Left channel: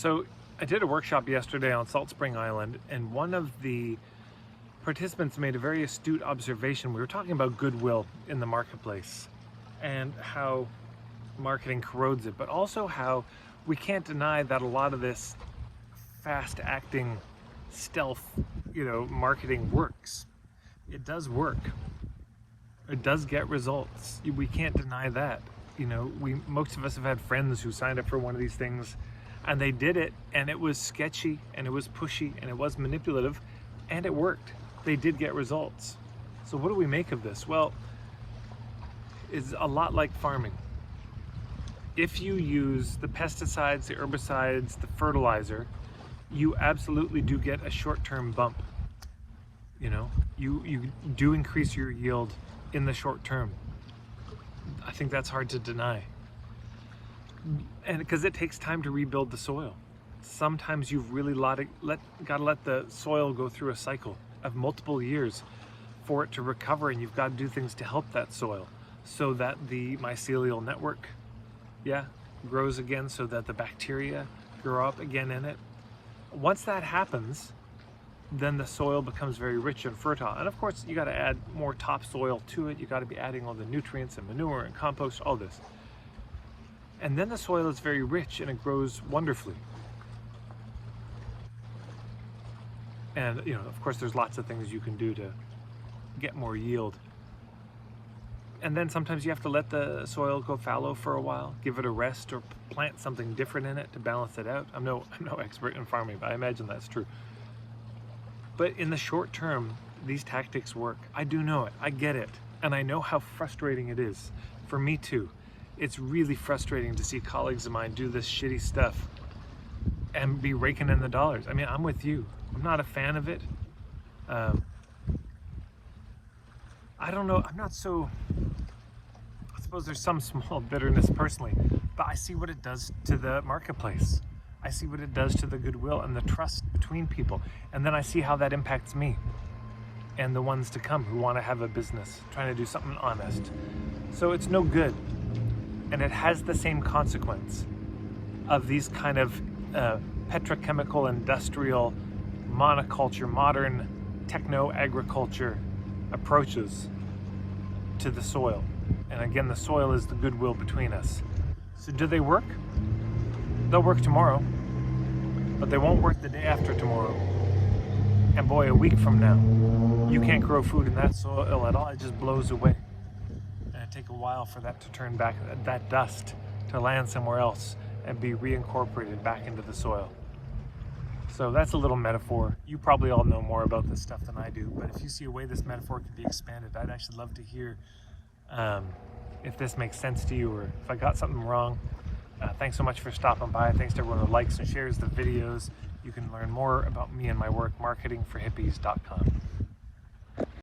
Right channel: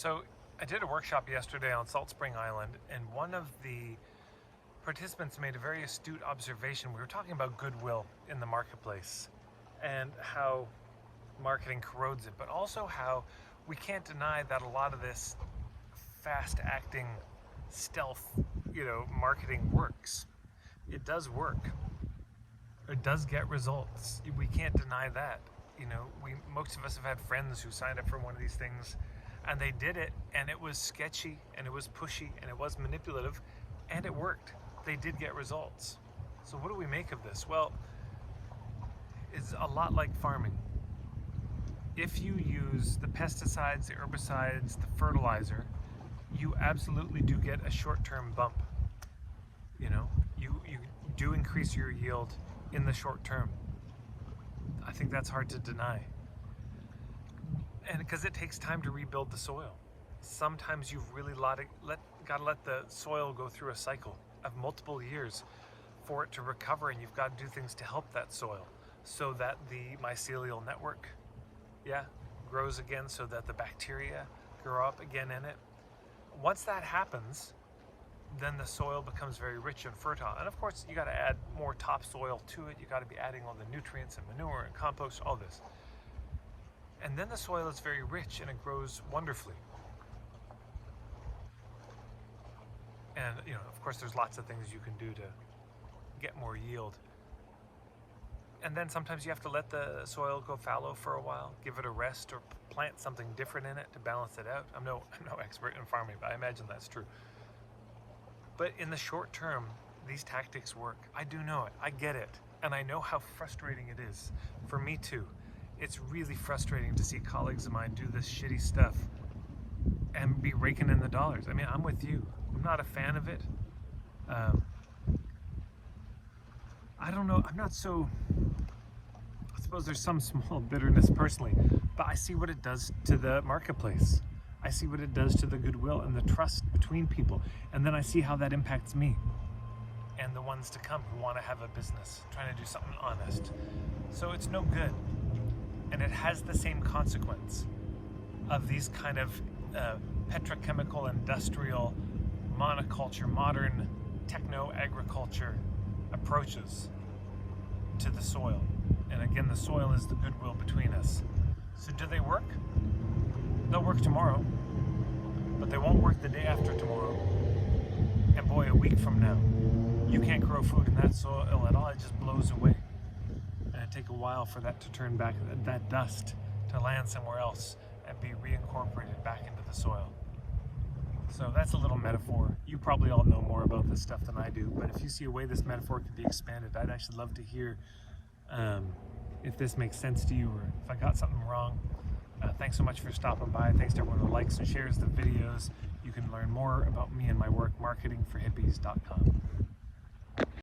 So I did a workshop yesterday on Salt Spring Island, and one of the participants made a very astute observation. We were talking about goodwill in the marketplace and how marketing corrodes it, but also how we can't deny that a lot of this fast acting stealth, marketing works. It does work. It does get results. We can't deny that. Most of us have had friends who signed up for one of these things and they did it, and it was sketchy and it was pushy and it was manipulative, and it worked. They did get results. So what do we make of this? Well, it's a lot like farming. If you use the pesticides, the herbicides, the fertilizer, you absolutely do get a short-term bump. You do increase your yield in the short term. I think that's hard to deny. And because it takes time to rebuild the soil. Sometimes you've really gotta let the soil go through a cycle of multiple years for it to recover, and you've got to do things to help that soil so that the mycelial network grows again, so that the bacteria grow up again in it. Once that happens, then the soil becomes very rich and fertile. And of course, you got to add more topsoil to it. You got to be adding all the nutrients and manure and compost, all this. And then the soil is very rich and it grows wonderfully. And of course, there's lots of things you can do to get more yield. And then sometimes you have to let the soil go fallow for a while, give it a rest, or plant something different in it to balance it out. I'm no expert in farming, but I imagine that's true. But in the short term, these tactics work. I do know it, I get it. And I know how frustrating it is. For me too. It's really frustrating to see colleagues of mine do this shitty stuff and be raking in the dollars. I mean, I'm with you. I'm not a fan of it. I don't know, I suppose there's some small bitterness personally, but I see what it does to the marketplace. I see what it does to the goodwill and the trust between people. And then I see how that impacts me and the ones to come who want to have a business, trying to do something honest. So it's no good. And it has the same consequence of these kind of petrochemical, industrial, monoculture, modern techno-agriculture approaches to the soil. And again, the soil is the goodwill between us. So do they work? They'll work tomorrow, but they won't work the day after tomorrow. And boy, a week from now, you can't grow food in that soil at all. It just blows away. And it'll take a while for that to turn back, that dust to land somewhere else and be reincorporated back into the soil. So that's a little metaphor. You probably all know more about this stuff than I do, but if you see a way this metaphor could be expanded, I'd actually love to hear if this makes sense to you, or if I got something wrong. Thanks so much for stopping by. Thanks to everyone who likes and shares the videos. You can learn more about me and my work, marketingforhippies.com.